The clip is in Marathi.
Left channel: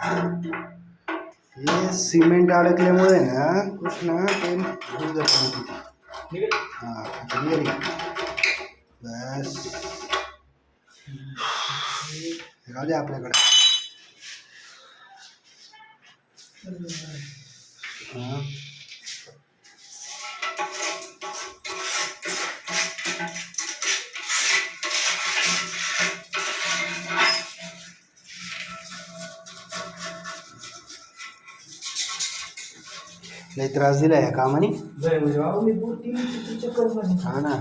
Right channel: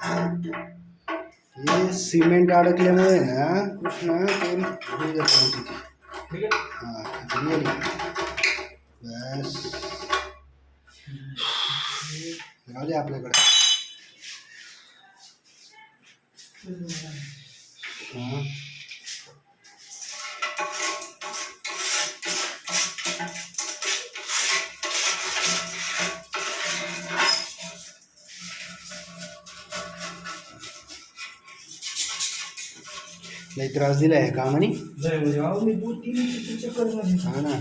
हे सिमेंट अडकल्यामुळे ना कृष्णा ते निघत नव्हती. हां आता निघाली. बस राहू दे आपल्याकडे. हां लई त्रास दिला आहे कामाने. मी 2-3 चक्कर मध्ये. हा ना